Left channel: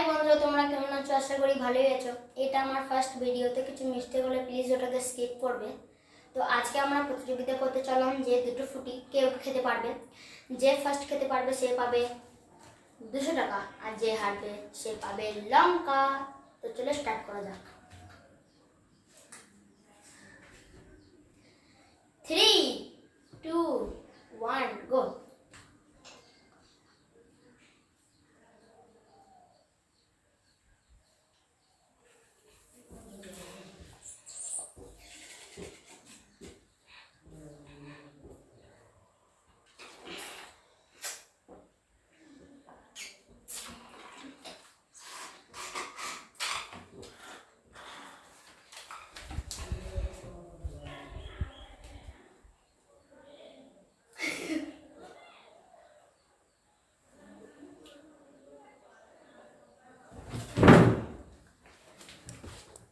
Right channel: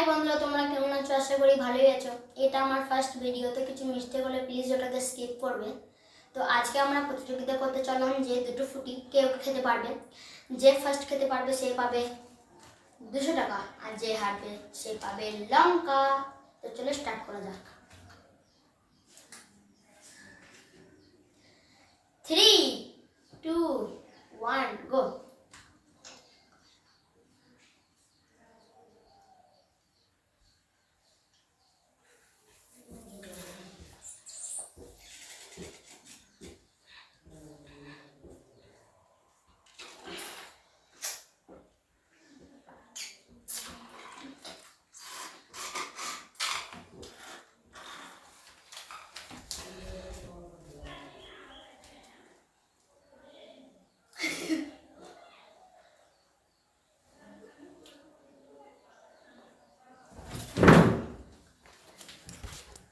High বন্ধুরা, তোমরা কেমন আছো? আশা করি ভালোই আছো। এটা আমার ফার্স্ট ভিডিও, তো কিছু মিস্টেক হলে প্লিজ ওটাকে স্কিপ করবে। তো আজকে আমরা প্রতিযোগিতা করতে চললাম যে দুটো ফুটি কেউ খেতে পারবে। যে ফার্স্ট খেতে পারবে সে পাবে 200 টাকা, আর যে হারবে সে পাবে লঙ্কা। তো চলো স্টার্ট করা যাক। 3, 2, 1 গো।